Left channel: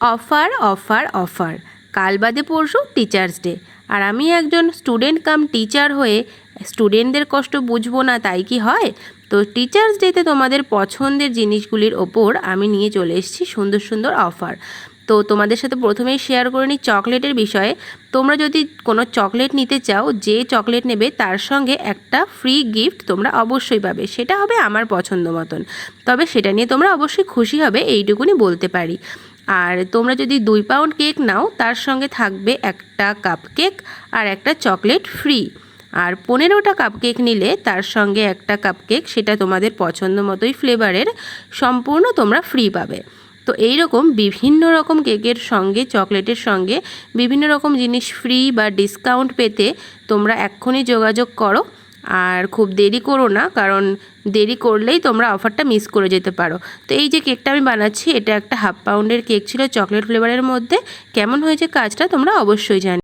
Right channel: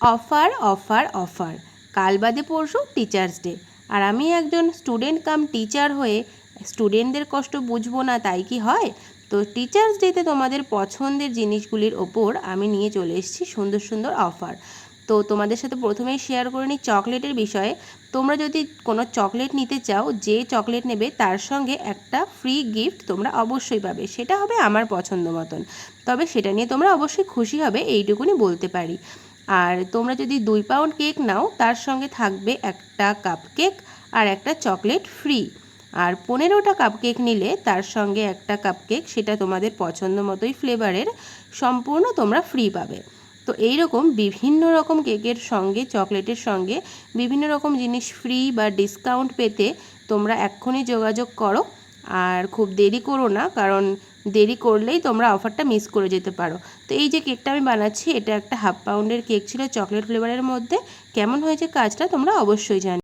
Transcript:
Offer offer offer, কাল বাদে পরশু টিচার্স ডে। আর আমি একজন স্টুডেন্ট কাম টিচার হয়ে স্টুডেন্টদের কষ্ট বুঝবো না তাই কি হয়? তো টিচার্স ডেতে তোমাদের পছন্দের জিনিসগুলির ওপর আমি নিয়ে চলে এসেছি সুন্দর সুন্দর অফার। তো তোমাদের সাথে প্রথমেই শেয়ার করে নিই চকলেটের বিষয়ে। তোমরা যদি কোনো চকলেট নিতে চাও, যে চকলেট নেবে তার সঙ্গে একটা ফ্রি গিফট তোমরা অবশ্যই পাবে, সেটা হবে আমার পছন্দ মতন। তবে সেটা নিয়ে তোমরা অবশ্যই খুশি হবে, এইটুকুনি বলতে পারি। আর তোমরা যদি 2 পাউন্ড কেক নাও তার সঙ্গে থাকবে একটা কাপ কেক আর একটা চকলেট ফ্রি। আর 15টা কাপ কেক নিলে তার সঙ্গে একটা কাপ কেক, সেটা তোমাদের পছন্দ মতোই ফ্লেভারের, সম্পূর্ণ তোমরা ফ্রি পাবে। তো এই রকম বিভিন্ন রকম কেকের সঙ্গে চকলেটের সঙ্গে বিভিন্ন রকম জিনিস ফ্রি বা ডিসকাউন্ট পেতে তোমরা এক্ষুনি যোগাযোগ করো। আর খুব দেরি করো না, কারণ দেরি করলেই তোমরা অফারটা মিস করে যেতে পারো। তো এই যে কেকটা আমি বানাচ্ছি, এটা একটা 1/2 পাউন্ডের কেক ছিল চকলেট ফ্লেভারের মধ্যে। কেমন হয়েছে কাজটা তোমরা অবশ্যই জানি।